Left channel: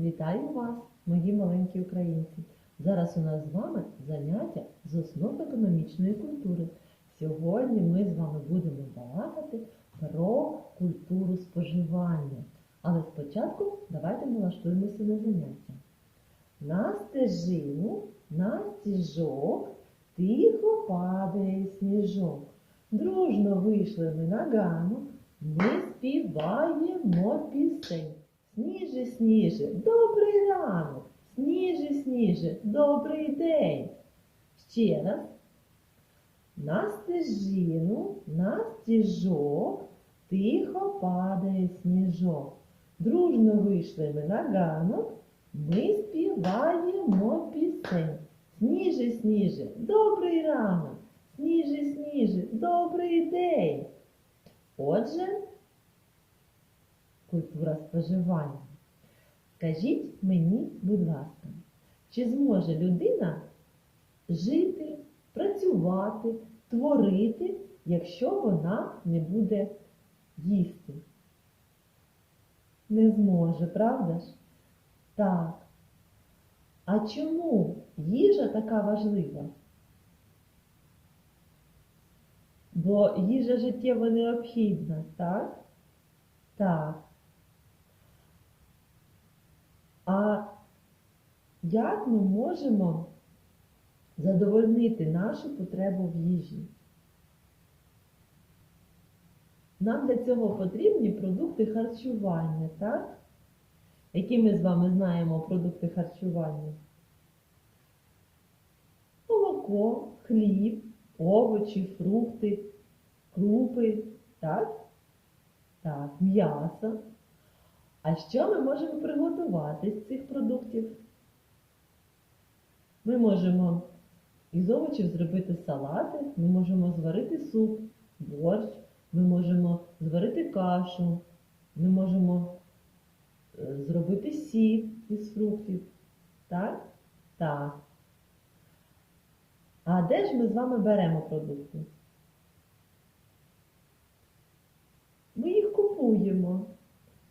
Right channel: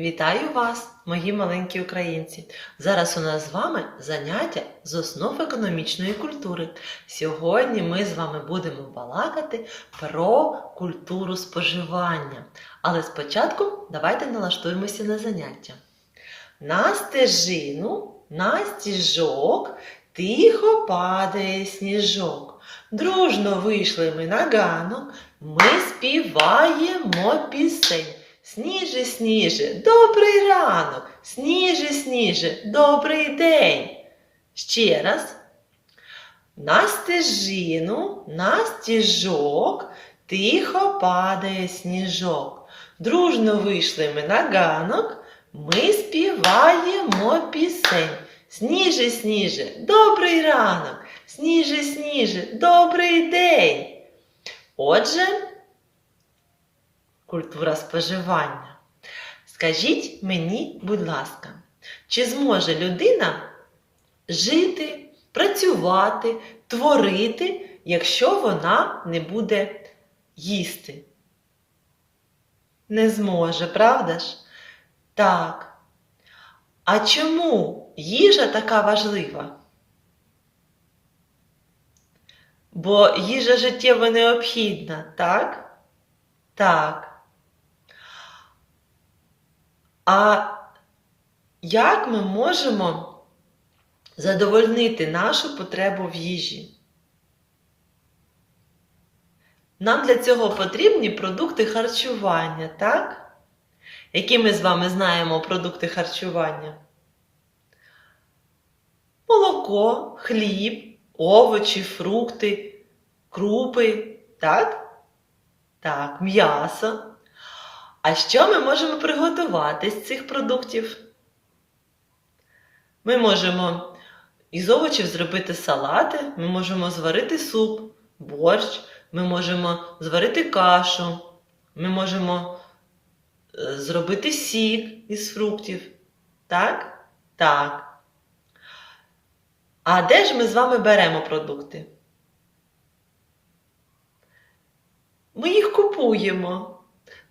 Вітаю вас, мої маленькі українці! Зараз у нас з вами заняття з основ економічної культури. Сьогодні ми з вами будемо балакати про культуру споживання. Але спочатку давайте налаштуємося на заняття. На стежину, на стіжок, тихо падає сніжок. Дружно вийшли ми на ганок, ми співаємо пісень. Сніже, сніже, добрий ранок, сніже, сніже, добрий день. Ще раз. На стежину, на стіжок, тихо падає сніжок. Дружно вийшли ми на ганок, ми співаємо пісень. Сніже, сніже, добрий ранок, сніже, сніже, добрий день. Отже, культура споживання. Скажіть мені, будь ласка, чи зможе людина жити, працювати, творити, якщо вона не буде їсти? Не зможе, правда ж? Так. А чому їжа така важлива? Бо їжа життєво необхідна, так? Так. А як ми можемо задовольнити нашу потребу в їжі? Нам для цього потрібні продукти харчування, так? Які ми з вами знаємо продукти харчування? Молоко, хліб, овочі, фрукти, крупи, так? Так, м'ясо. А що ми можемо приготувати з цих продуктів? Ми можемо із овочів зробити салати, ми можемо зварити суп, борщ, ми можемо зварити кашу, ми можемо е, зробити сік із фруктів. Так? Так. А де ж ми з вами беремо продукти? Ми їх купуємо.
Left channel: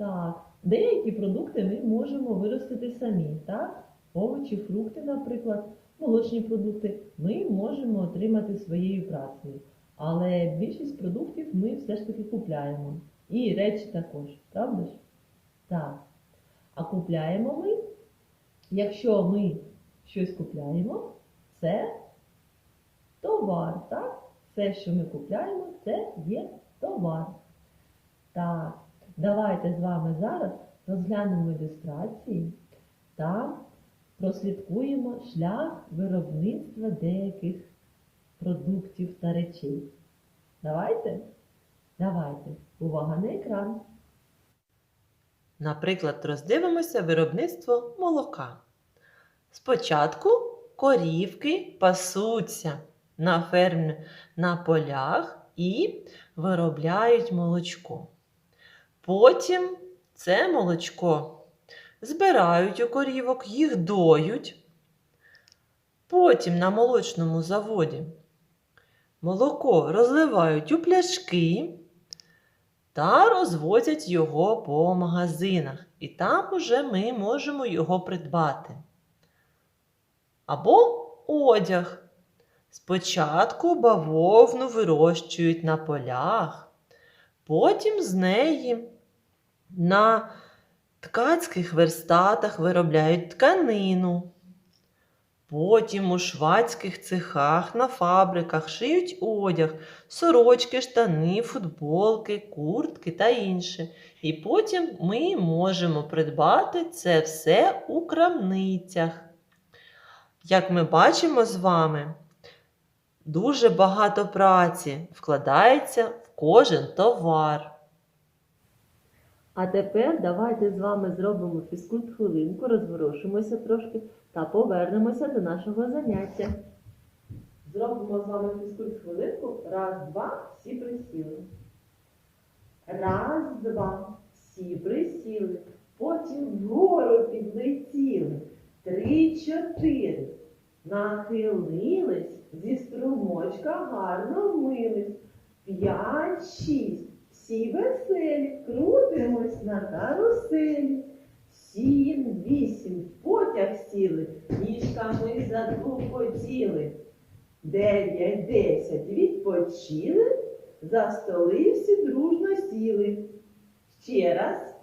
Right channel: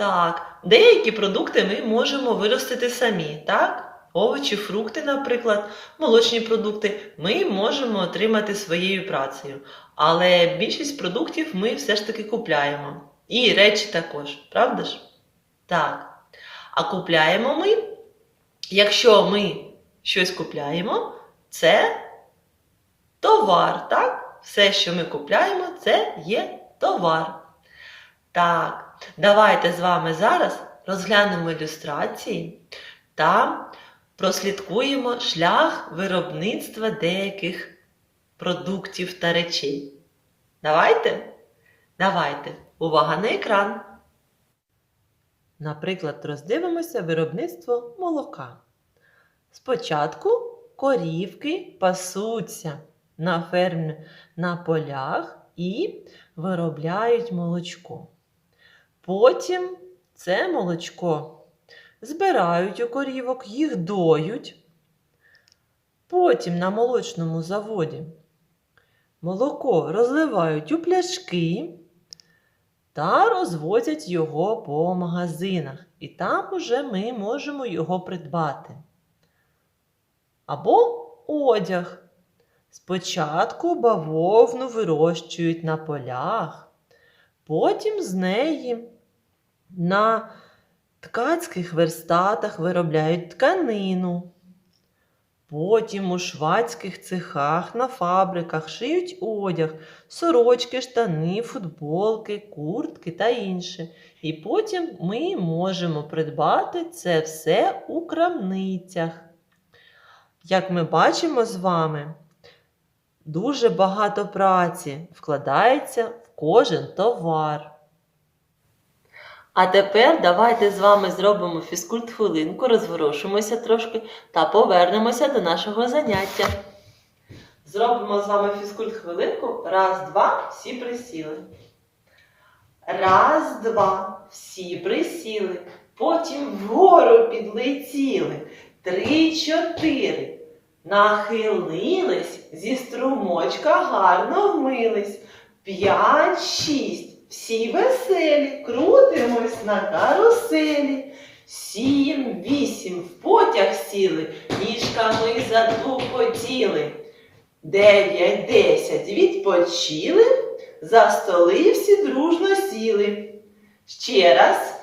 Так, деякі продукти ми можемо виростити самі, так? Овочі, фрукти, наприклад, молочні продукти ми можемо отримати своєю працею. Але більшість продуктів ми все ж таки купляємо. І речі також, правда ж? Так. А купляємо ми, якщо ми щось купляємо, це товар, так? Все, що ми купляємо, це є товар. Так, давайте з вами зараз розглянемо ілюстрації та прослідкуємо шлях виробництва деяких продуктів та речей. Давайте? Давайте. Увага на екран. Наприклад, роздивимося виробництво молока. Спочатку корівки пасуться на фермі на полях і виробляють молочко. Потім це молочко збирають у корівок, їх доють. Потім на молочному заводі молоко розливають у пляшки та розвозять його по магазинах. І там уже ми можемо його придбати. Або одяг. Спочатку бавовну вирощують на полях, потім з неї на ткацьких верстатах виробляють тканину. Потім у швадських цехах на фабриках шиють одяг, сорочки, штани, футболки, куртки та інше. І потім ми можемо придбати це все у крамницях. Як ми бачимо з вами, дуже багато праці вкладається в кожен товар. А тепер давайте з вами зробимо фізкульт-хвилинку, розворушимося трошки та повернемося до нашого заняття. Зробимо з вами фізкульт-хвилинку. Раз, два, всі присіли. Раз, два, всі присіли. Потім вгору підлетіли. Три, чотири. Нахилились, зі струмочка гарно вмились. П'ять, шість. Всі веселі, крутимось на каруселі. Сім, вісім в потяг сіли, ніжками затупотіли. Дев'ять, десять відпочили, за столи всі дружно сіли. Ще раз.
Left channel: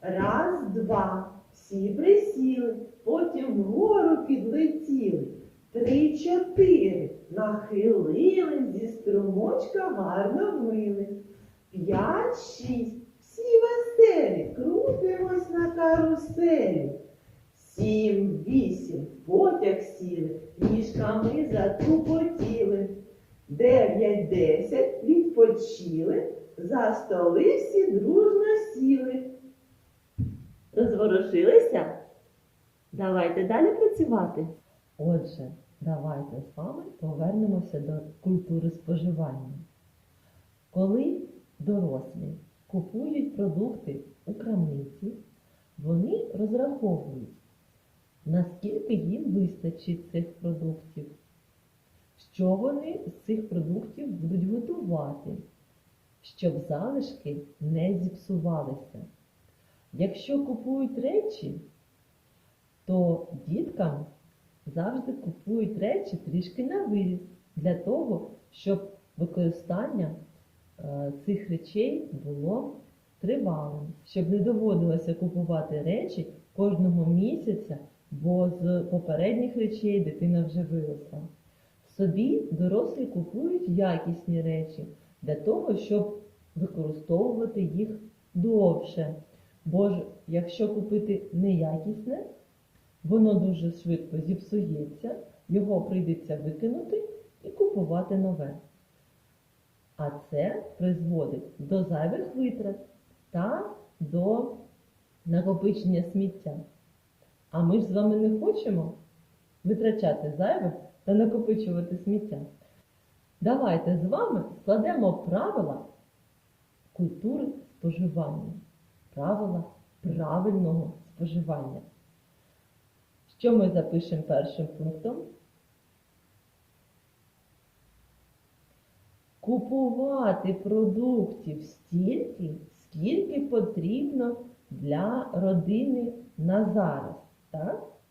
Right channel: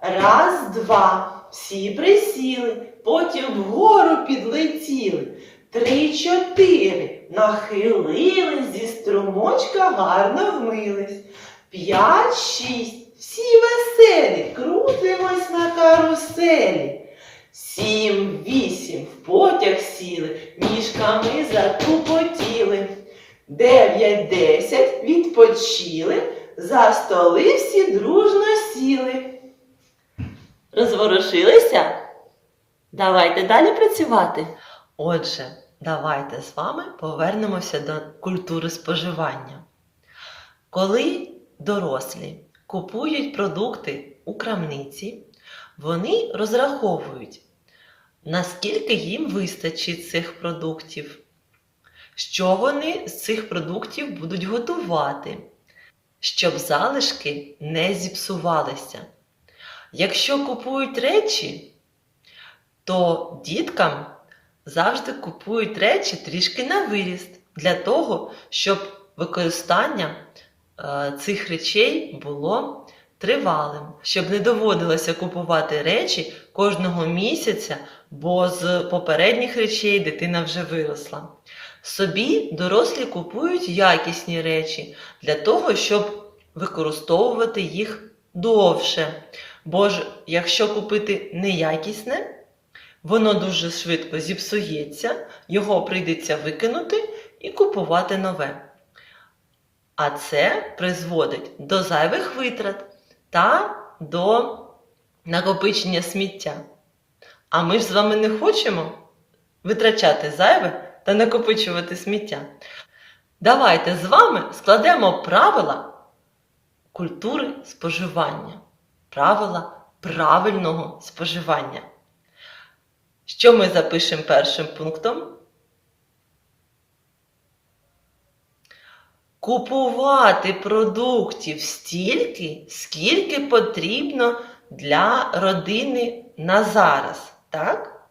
Раз, два. Всі присіли, потім вгору підлетіли. Три, чотири. Нахилились, зі струмочка гарно вмились. П'ять, шість. Всі веселі, крутимось на каруселі. Сім, вісім, в потяг сіли, ніжками затупотіли. Дев'ять, десять, відпочили, за столи всі дружно сіли. Розворушилися? Давайте далі працювати. Отже, давайте з вами повернемося до культури споживання. Коли дорослі купують продукти у крамниці, вони розраховують, наскільки їм вистачить цих продуктів, що вони з цих продуктів будуть готувати, щоб залишки не зіпсувалися. Якщо купують речі, то діткам завжди купують речі трішки на виріст для того, щоб використання е, цих речей було тривалим, щоб не доводилося купувати речі кожного місяця, бо з попередніх речей дитина вже виросла. Собі дорослі купують якісні речі для того, щоб використовувати їх довше. Бо ж, якщо купити неякісне, воно дуже швидко зіпсується, його прийдеться викинути і купувати нове. А це призводить до зайвих витрат та до накопичення сміття. А ми ж з вами не хочемо витрачати зайве та накопичувати сміття. Давайте з вами складемо правила культури споживання, правила правильного споживання. Що ми запишемо першим пунктом? Купувати продуктів стільки, скільки потрібно для родини на зараз, так?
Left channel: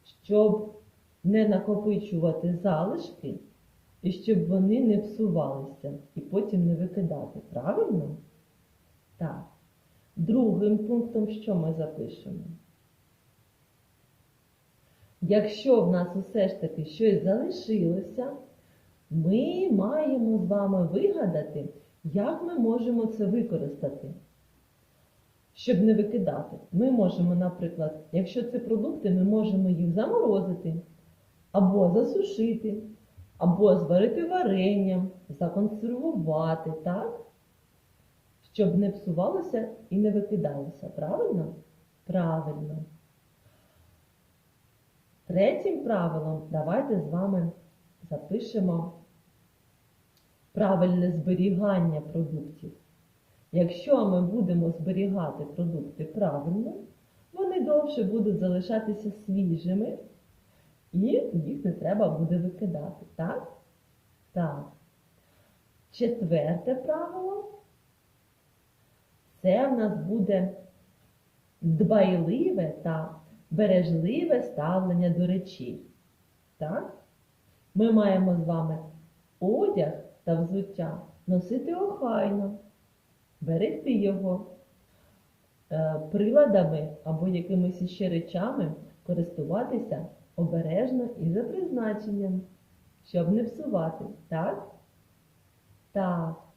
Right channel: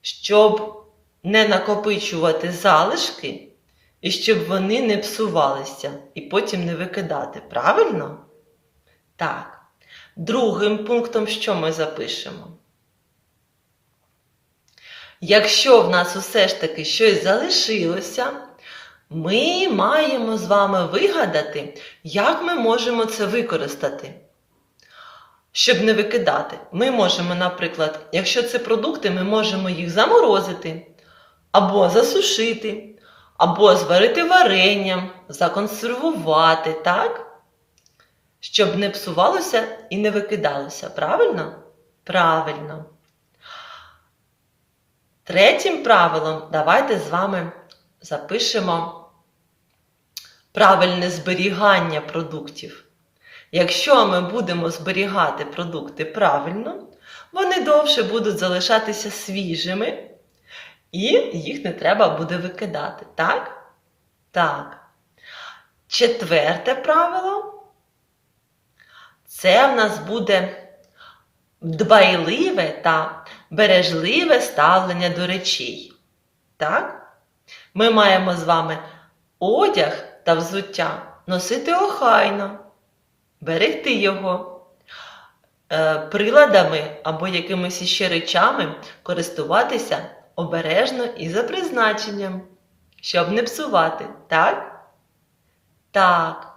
Щоб не накопичувати залишки і щоб вони не псувалися і потім не викидати. Правильно? Так. Другим пунктом, що ми запишемо? Якщо в нас усе ж таки щось залишилося, ми маємо з вами вигадати, як ми можемо це використати. Щоб не викидати, ми можемо, наприклад, якщо це продукти, ми можемо їх заморозити, або засушити, або зварити варенням, законсервувати, так? Щоб не псувалося і не викидалося. Правильно? Правильно. Третім правилом давайте з вами запишемо правильне зберігання продуктів. Якщо ми будемо зберігати продукти правильно, вони довше будуть залишатися свіжими, і їх не треба буде викидати. Так? Так. Четверте правило це в нас буде дбайливе та бережливе ставлення до речей. Так? Ми маємо з вами одяг та взуття носити охайно, берегти його, е, приладами або якимись іще речами користуватися обережно і за призначенням, щоб не псувати, так? Так.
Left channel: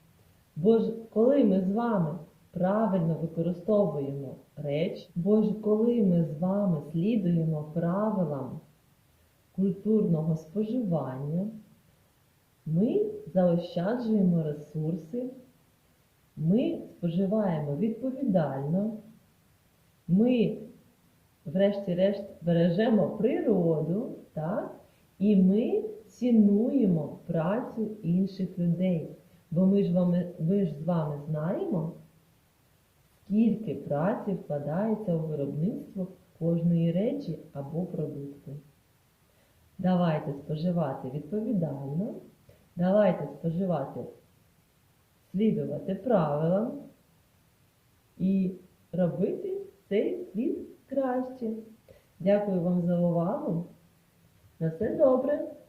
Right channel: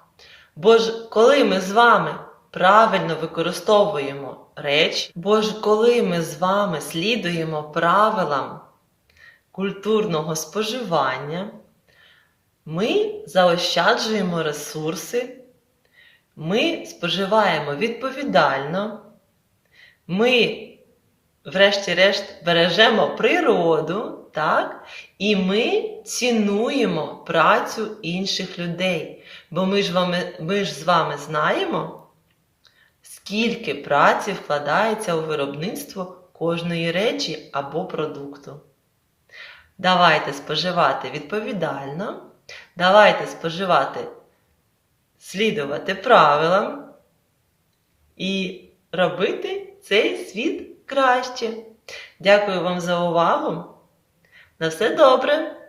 Бо ж коли ми з вами правильно використовуємо речі, бо ж коли ми з вами слідуємо правилам культурного споживання, ми заощаджуємо ресурси, ми споживаємо відповідально, ми, врешті-решт, бережемо природу, так? і ми цінуємо працю інших людей. Бо ми ж, вами, ми ж з вами знаємо, скільки праці вкладається у виробництво кожної речі або продукту. Давайте споживати відповідально, давайте споживати, слідувати правилам і робити цей світ краще. Дякую вам за увагу. На все добре!